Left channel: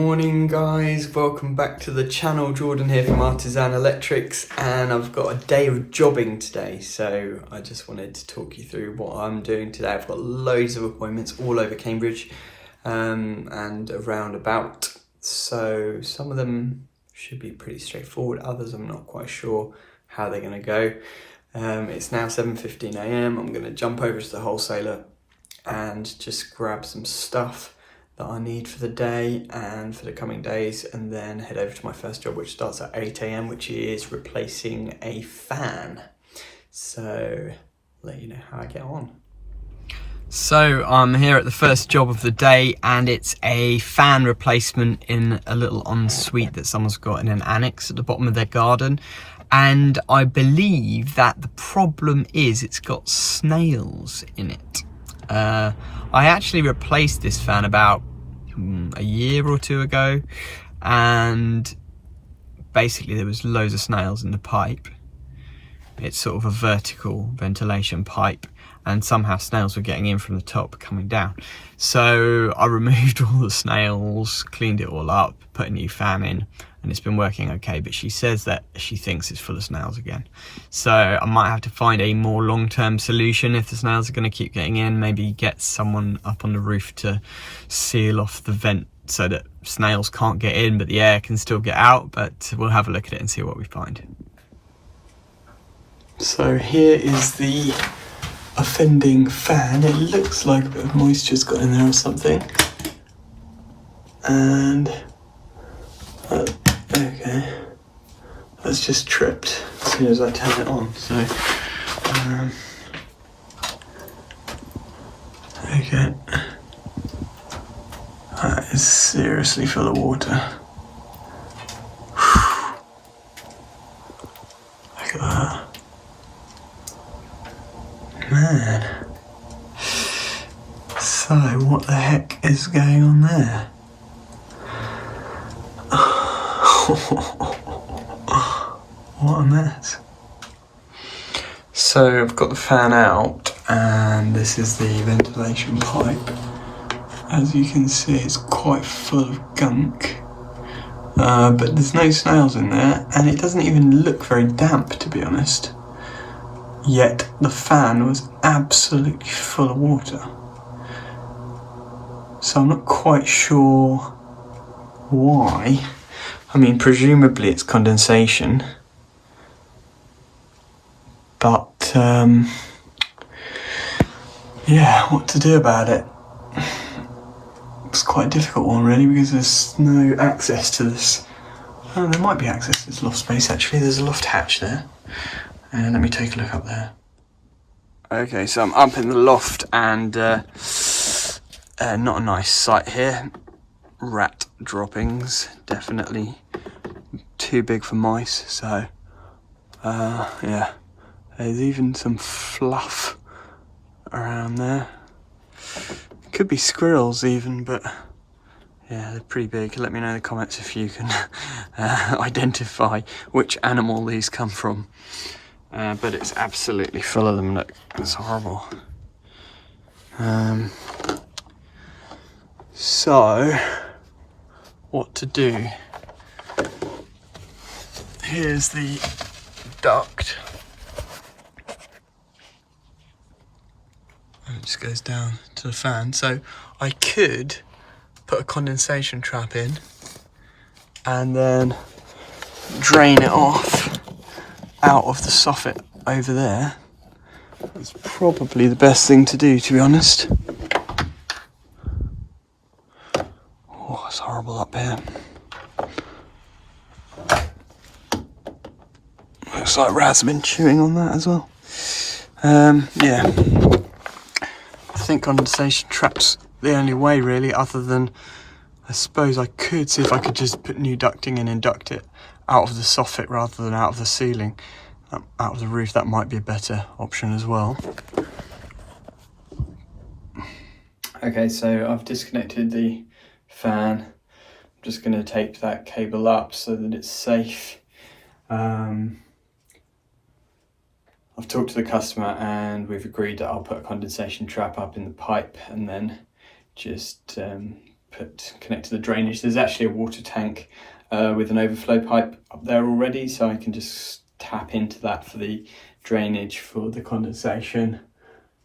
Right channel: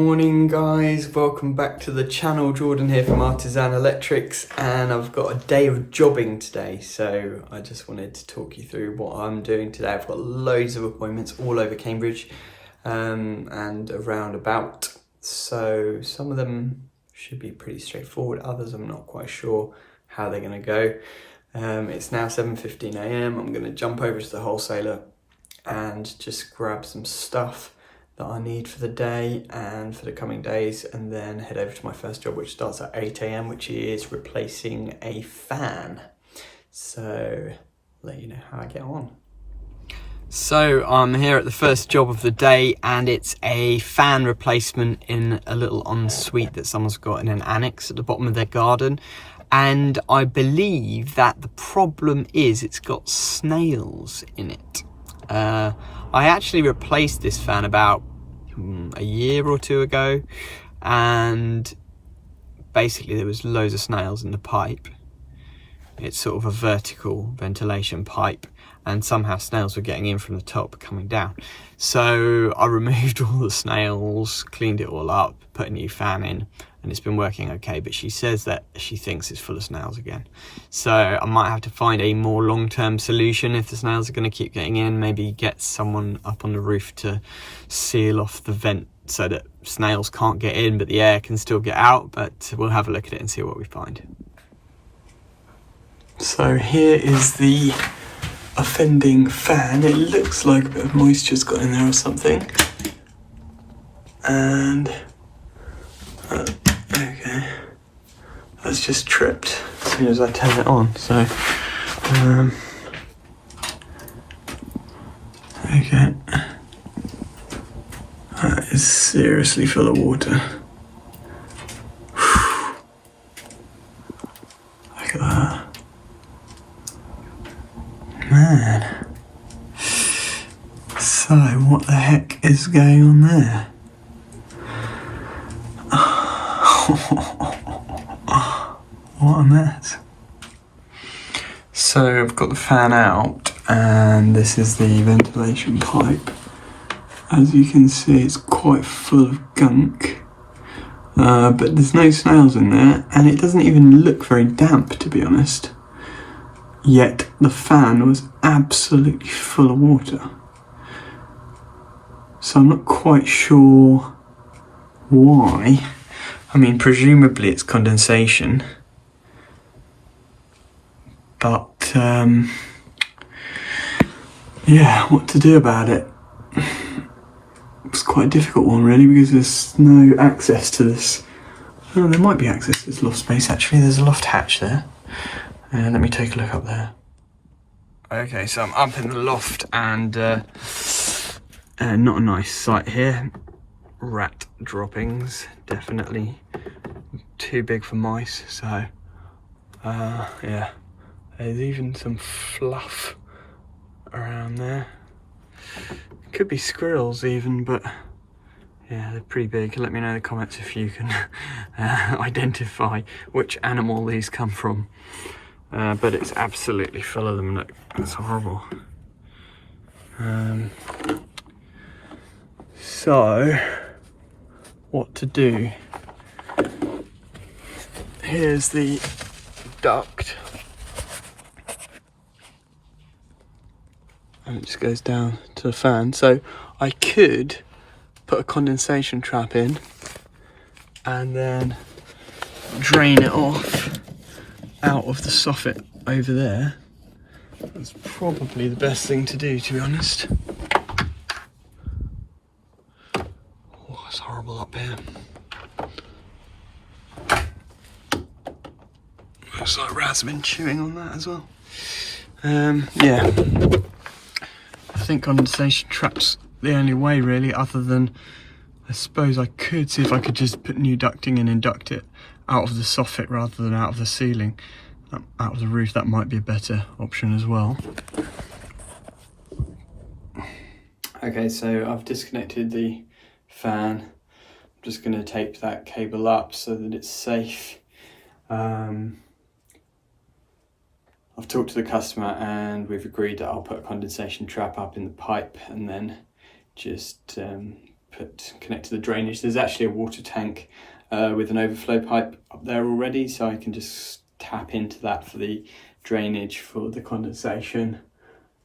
Morning guys, welcome back to the channel. Jordan here from Artisan Electrics, and I've got a day of jobbing today, so I just wanted to talk you through what I'm doing today. I've got loads of appointments all over Cambridge and around about, so some of them should be pretty straightforward, others I'm not quite sure how they're going to go. It's now 7:15 AM. I'm going to jump over to the wholesaler and just grab some stuff that I need for the day and for the coming days, and then head over to my first job, which starts at 8 AM, which is replacing a fan. So let you know how I get on. So I'm here at the first job of the day, and it's a fan replacement in a little ensuite that someone's got in an annex at the bottom of their garden. And I believe that the problem is it's got snails in it. I actually replaced this fan about a year or two ago, and basically there was loads of snails in the pipe. It's sort of a vertical ventilation pipe, and somehow snails were getting in from the top coming down. So I removed all the snails, cleaned it all up, put a new fan in, and it's been working okay, but she says that she thinks it's full of snails again. So I might have to find a more long-term solution if the snails are going to keep getting in. Maybe get someone up on the roof to seal off the vent so that snails can't get in, but the air can still get out. But we'll have a look at it and see what we find. So here is the offending fan. It looks like a bit of moisture's got in there or something. And okay, that's just tripped as soon as I turn it on. So okay, that is seriously full of water. Look at that, man. So what the heck is going on there? What a mess. So I've got the fan out, and this is the ventilation pipe. As you can see, it's quite full of gunk, but there's no snails in there, and it doesn't even look very damp, to be honest. Yet the fan was absolutely full of water. So I'm not quite sure why. I mean, presumably it's condensation, but yeah, what to do about it? It's quite a difficult one, really, because there's no access to this. Oh, there might be access to this loft space, actually. There's a loft hatch there. Let me take a look up there. Okay, so I'm up in the loft, and not a nice sight here. Rat droppings, definitely too big for mice. So yeah, there's even some fluff around there. Could be squirrels even, but yeah, they're pretty big. Let me know in the comments if you can identify which animal these come from. But it's absolutely full of them. Look, it's horrible. So what to do? Here's the duct, and it just goes down to the fan. So I could put a condensation trap in and then drain it off out of the soffit over there. That's probably the best thing to do, to be honest. Oh, it's horrible up here. Looks like rats have been chewing on that as well. Yeah, I think condensation trap's the only way, really, other than I suppose I could see if I could just put new ducting in and duct it out of the soffit rather than out of the ceiling, out of the roof. That might be a better option as well. Okay, so I've disconnected the fan. I'm just going to tape that cable up so that it's safe. I've talked to the customer and we've agreed that I'll put a condensation trap up in the pipe and then just connect to the drainage. There's actually a water tank with an overflow pipe up there already, so I can just tap into that for the drainage for the condensation.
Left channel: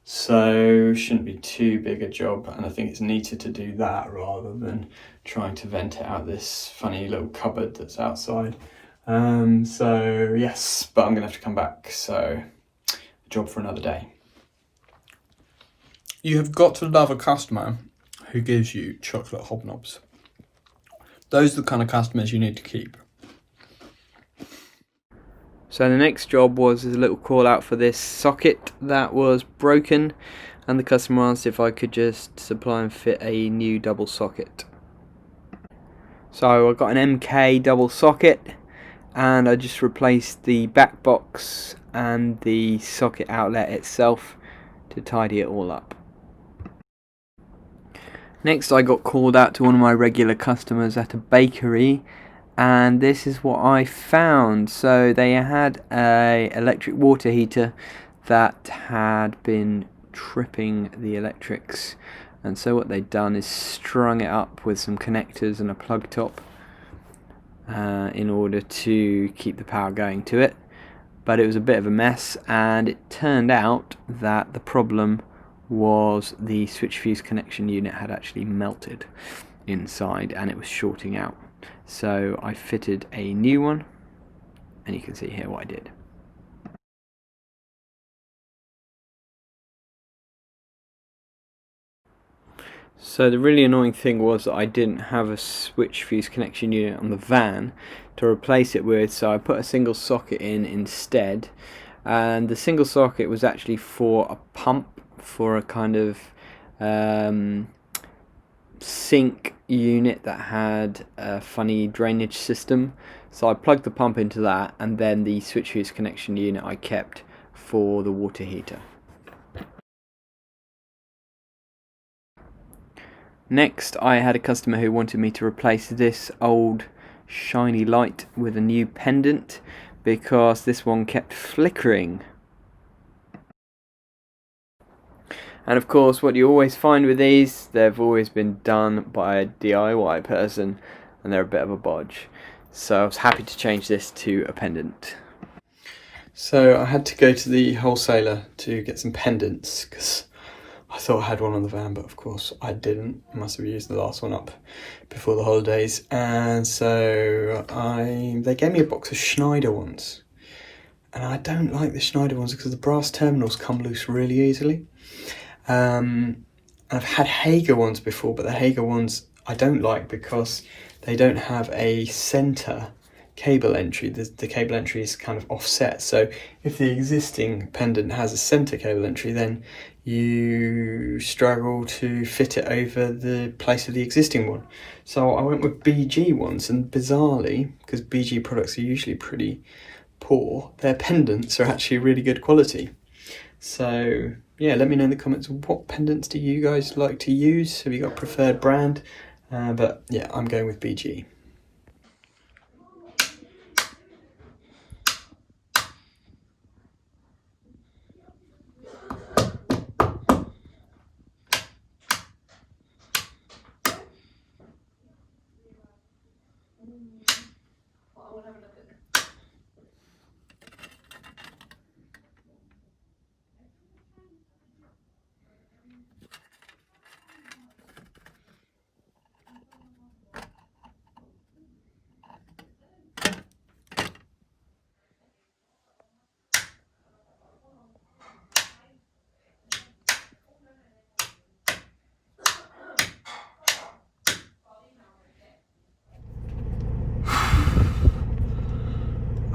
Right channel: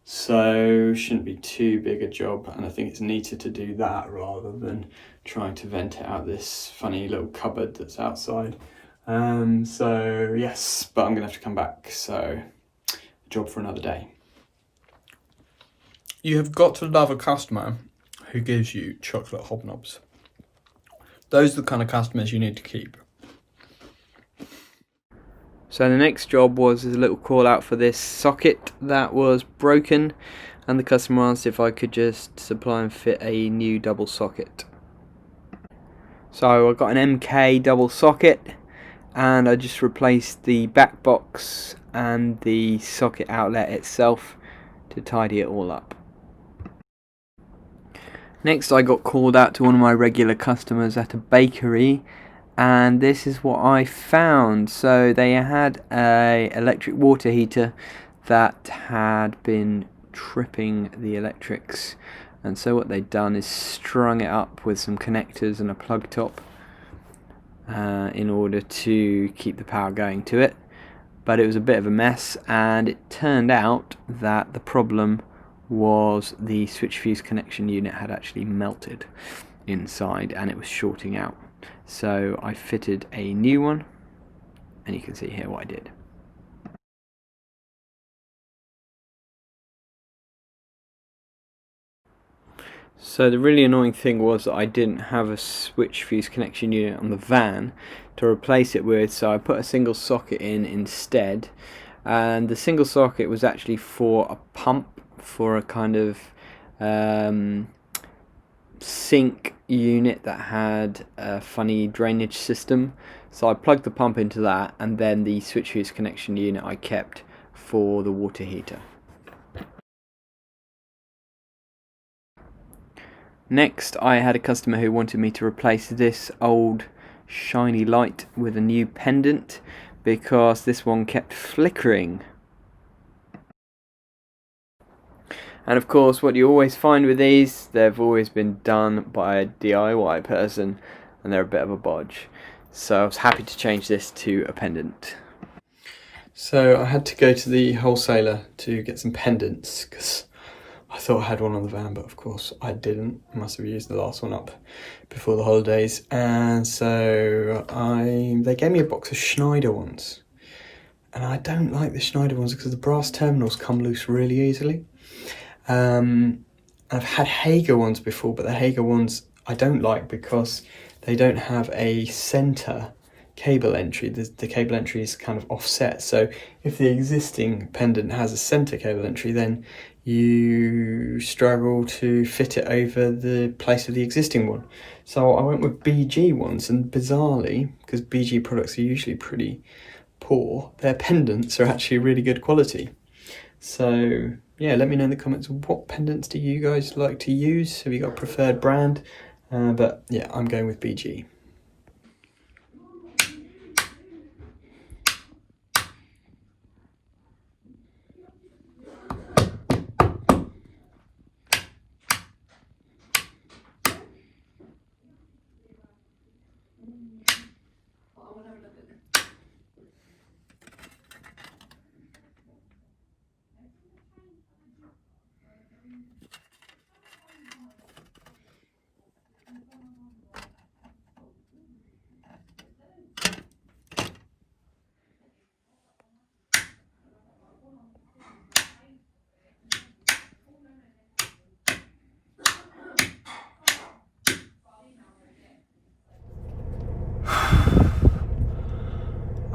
So shouldn't be too big a job, and I think it's neater to do that rather than trying to vent it out this funny little cupboard that's outside. So yes, but I'm gonna have to come back, so a job for another day. You have got to love a customer who gives you chocolate hobnobs. Those are the kind of customers you need to keep. So the next job was a little call out for this socket that was broken, and the customer asked if I could just supply and fit a new double socket. So I got an MK double socket, and I just replaced the back box and the socket outlet itself to tidy it all up. Next I got called out to one of my regular customers at a bakery, and this is what I found. So they had a electric water heater that had been tripping the electrics, and so what they'd done is strung it up with some connectors and a plug top in order to keep the power going to it. But it was a bit of a mess, and it turned out that the problem was the switch fuse connection unit had actually melted inside and it was shorting out. So I fitted a new one, and you can see here what I did. So the really annoying thing was that I didn't have a switch fuse connection unit on the van to replace it with, so I put a single socket in instead, and the single socket was actually for a pump for a kind of sink unit that had a funny drainage system. So I plugged the pump into that, and then the switch fuse connection unit I kept for the water heater. Next I had a customer who wanted me to replace this old shiny light with a new pendant because this one kept flickering. And of course, what you always find with these, they've always been done by a DIY person, and they're a bit of a bodge. So I was happy to change this to a pendant. So I had to go to the wholesaler to get some pendants, because I thought I had one on the van, but of course I didn't. I must have used the last one up before the holidays. And so they gave me a box of Schneider ones. And I don't like the Schneider ones because the brass terminals come loose really easily. I've had Hager ones before, but the Hager ones I don't like because they don't have a center cable entry. The cable entry is kind of offset, so if the existing pendant has a center cable entry, then you struggle to fit it over the place of the existing one. So I went with BG ones, and bizarrely, because BG products are usually pretty poor, their pendants are actually really good quality. So yeah, let me know in the comments, what pendants do you guys like to use? Have you got a preferred brand? But yeah, I'm going with BG.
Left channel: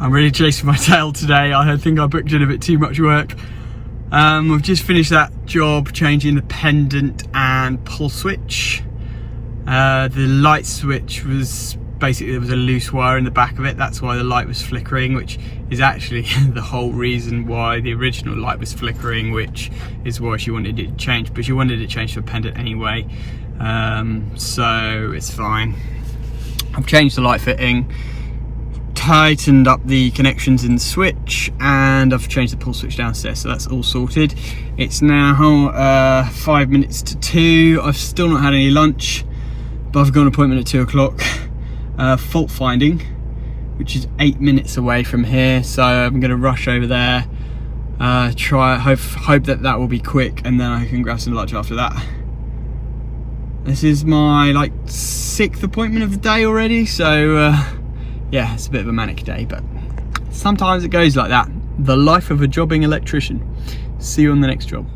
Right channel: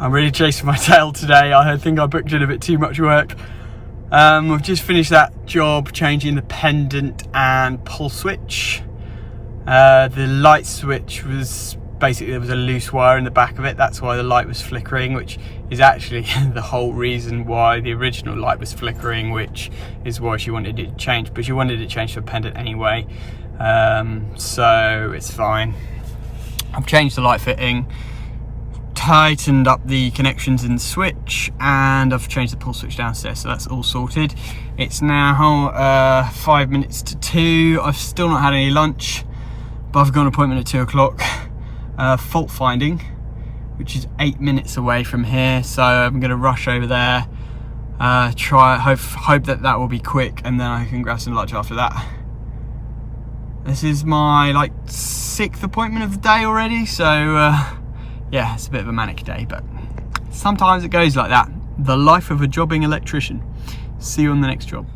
I'm really chasing my tail today. I think I booked in a bit too much work. We've just finished that job changing the pendant and pull switch. The light switch was basically, there was a loose wire in the back of it. That's why the light was flickering, which is actually the whole reason why the original light was flickering, which is why she wanted it changed. But she wanted it changed to a pendant anyway, so it's fine. I've changed the light fitting, tightened up the connections in the switch, and I've changed the pull switch downstairs, so that's all sorted. It's now 5 minutes to 2. I've still not had any lunch but I've got an appointment at 2 o'clock. Faultfinding, which is 8 minutes away from here, so I'm going to rush over there, hope that will be quick, and then I can grab some lunch after that. This is my like 6th appointment of the day already, so yeah, it's a bit of a manic day, but sometimes it goes like that. The life of a jobbing electrician. See you on the next job.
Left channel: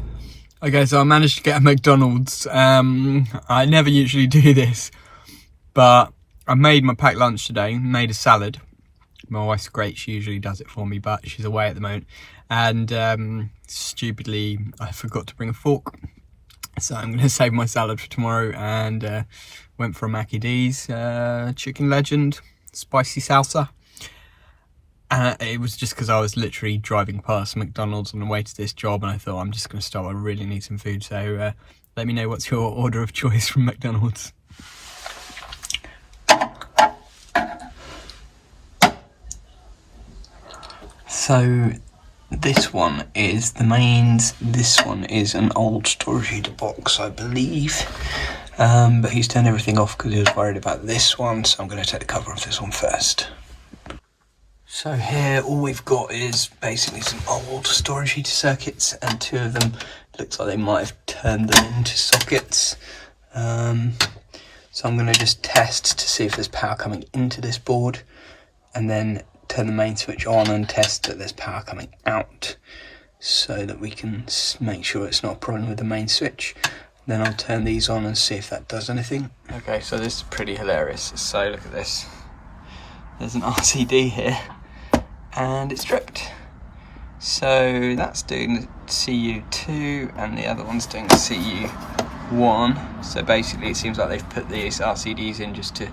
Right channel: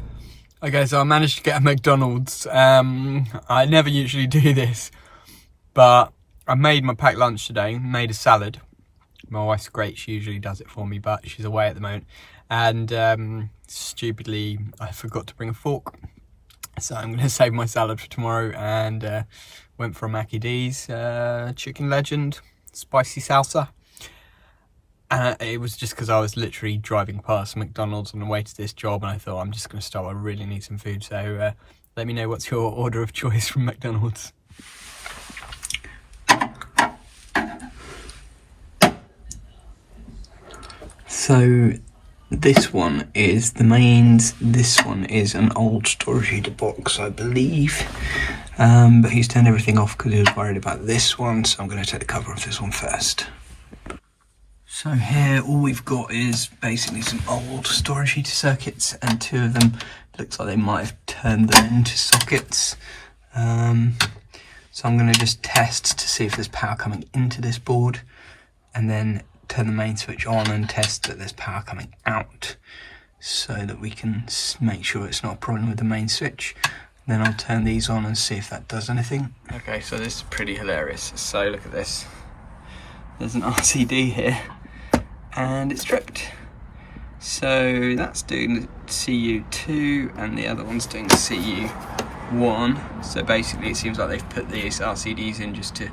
Okay, so I managed to get a McDonald's. I never usually do this, but I made my packed lunch today, made a salad. My wife's great, she usually does it for me, but she's away at the moment. And stupidly, I forgot to bring a fork. So I'm going to save my salad for tomorrow, and went for a Mackie D's Chicken Legend Spicy Salsa. It was just because I was literally driving past McDonald's on the way to this job, and I thought I'm just going to stop, I really need some food. So let me know what's your order of choice from McDonald's. So this one is the mains, this one is an old storage heater box, I believe, but he's turned everything off because he was worried about this one, so I'm going to take the cover off this one first. So here all we've got is basically some old storage heater circuits, and 2 of them looks like they might have turned them into sockets. So I'm going to just test to see if there's power coming into this board, and then turn the main switch on and test that there's power coming out, so that we can make sure it's not a problem with the main switch. Then I'll turn these on and see if that does anything. Okay, so this is pretty hilarious. So look at this. There's an RCD here, and it's tripped. So that's doing CU2 and the other one's doing CU1. So basically it seems like they've put these RCDs in just to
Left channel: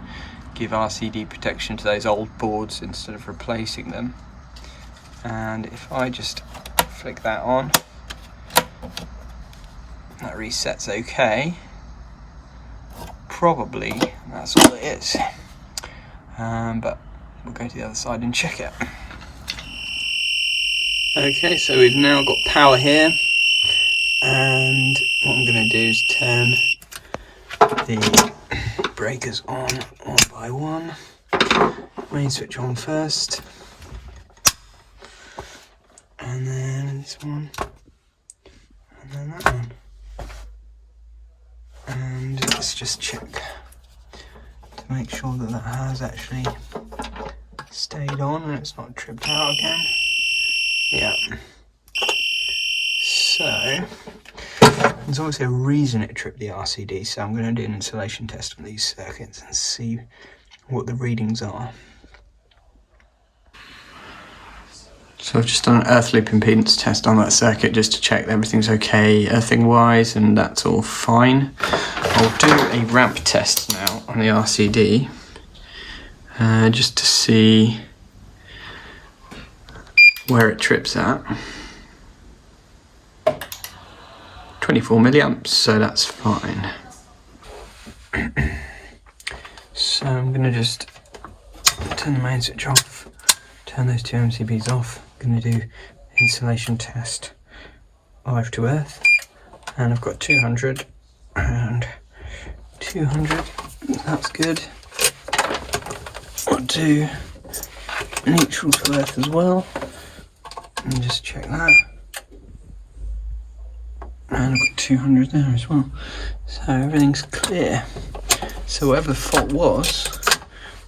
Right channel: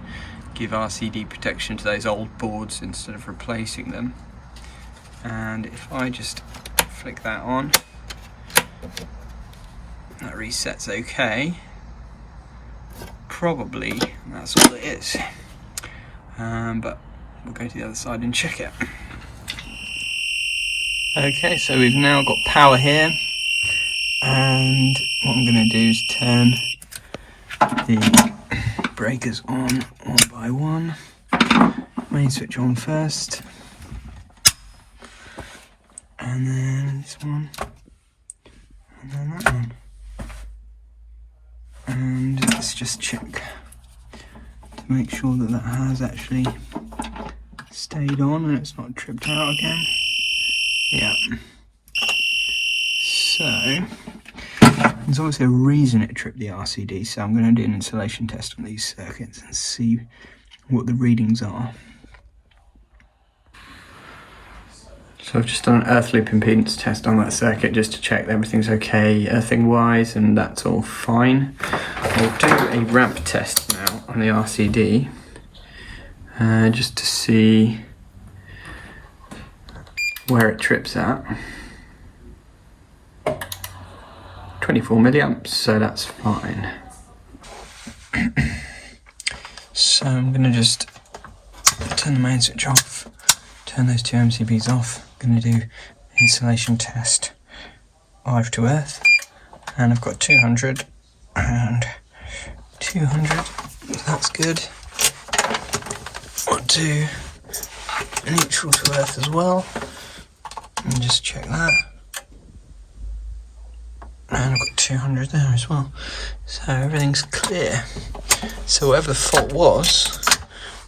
give RCD protection to those old boards instead of replacing them. And if I just flick that on, that resets okay. Probably that's all it is. But we'll go to the other side and check it. Okay, so we've now got power here, and what I'm going to do is turn the breakers on one by one. Main switch on first, and then this one, and then that one. And let's just check to make sure that that has actually stayed on and it's not tripped out again. Yeah. So there's obviously a reason it tripped the RCD, so I'm going to do an installation test on these circuits and see what the readings are. So I've just done an earth loop impedance test on that circuit just to check that everything's okay earthing wise, and that's all fine. I'll do a ramp test now on the RCD just to see where it trips at. 24 milliamps, so that's fine. So I'm going to just turn the main switch off, turn those 2 MCBs off. I'm going to do insulation test live to earth, and I've got 200 and 200, that's good. I'll do neutral to earth as well, and just check that. And I've got 200 there as well. So everything's clear. So whatever the fault was,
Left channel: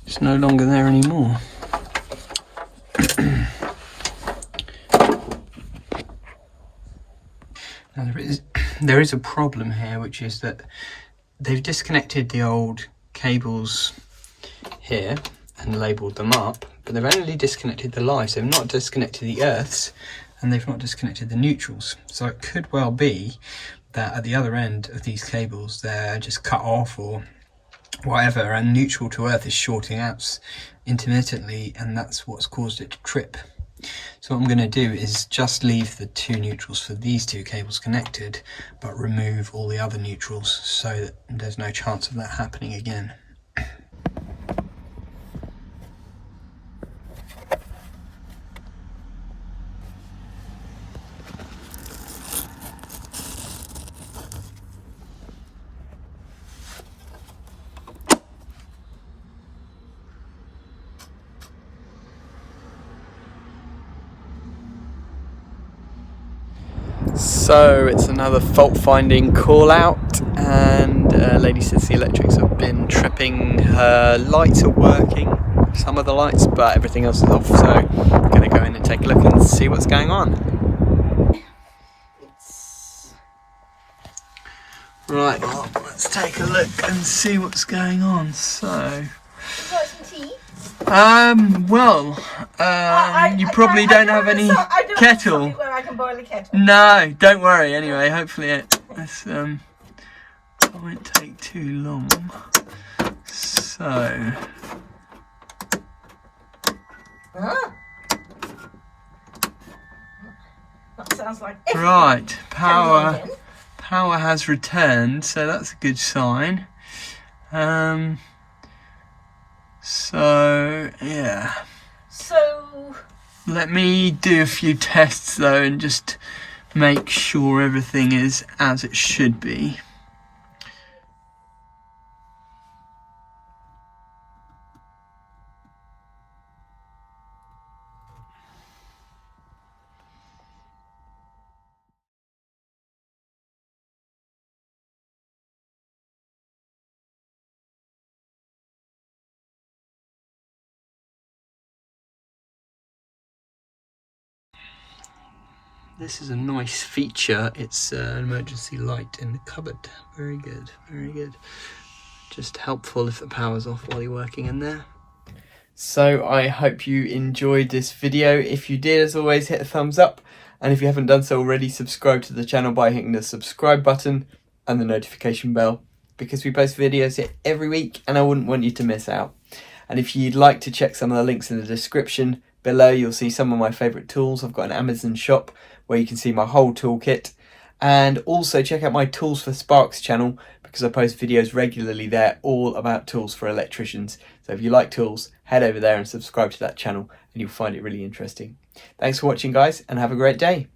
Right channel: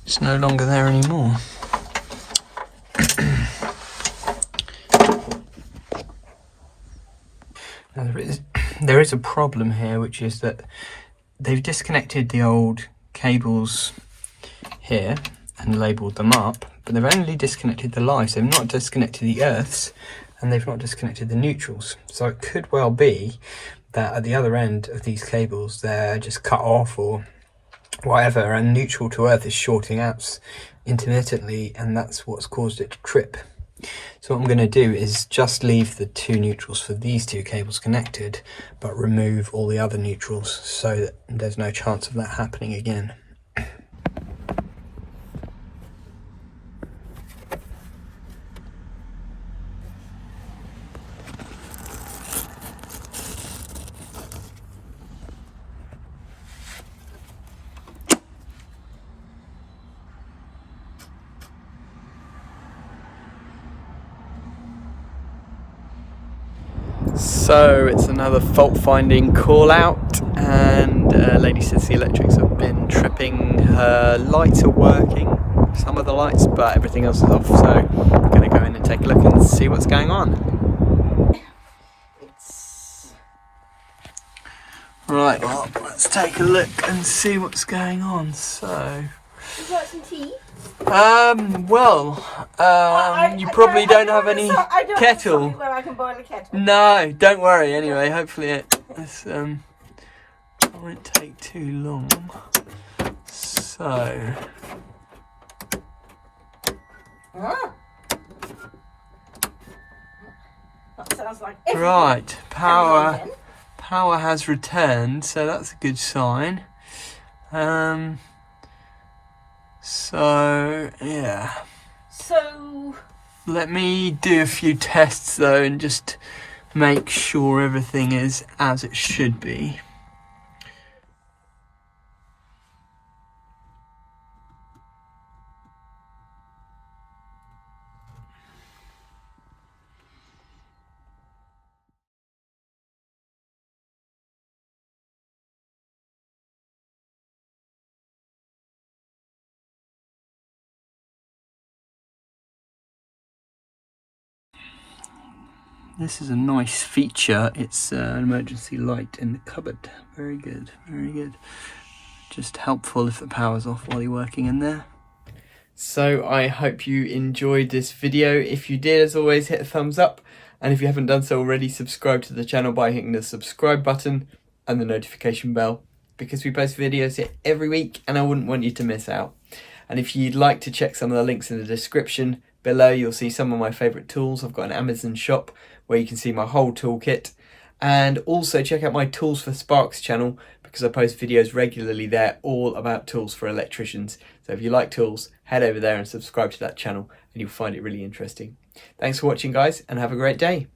it's no longer there anymore. Now there is a problem here, which is that they've disconnected the old cables here and labelled them up, but they've only disconnected the lives. They've not disconnected the earths, and they've not disconnected the neutrals. So it could well be that at the other end of these cables they're just cut off or whatever, and neutral to earth is shorting out intermittently, and that's what's caused it to trip. So what I'm going to do is just leave the 2 neutrals for these 2 cables connected, but remove all the other neutrals so that there's no chance of that happening again. So it's another fault finding call out, and lady says the electrics have been tripping. Her lights are working, some of the lights, but everything else is off, so I'm going to go in and take a look and see what's going on. Right, well, let's take a look and see what's going on. So, would you like some tea? You probably don't have any kettle. Where I can boil a kettle. No, don't worry. Anyway, hopefully it won't take too long. So, that sounds like right, power has returned, so that's a good sign. So yeah. So Let me do a few tests though and just make sure everything is as it should be. This is a nice feature. It's an emergency light in the cupboard. Very good, very good. Just helpful if the power's off while you're working in there. So I hope you enjoyed this video. If you did, as always, hit a thumbs up. And if you haven't done so already, subscribe to the channel by hitting the subscribe button and the notification bell, because we post videos here every week and I wouldn't want you to miss out. And if you'd like to check some of the links in the description below, you'll see some of my favourite tools. I've got an Amazon shop where you can see my whole toolkit. And also check out my Tools for Sparks channel, because I post videos regularly there all about tools for electricians. So if you like tools, head over there and subscribe to that channel and you'll find it really interesting. Thanks for watching, guys, and have a great day.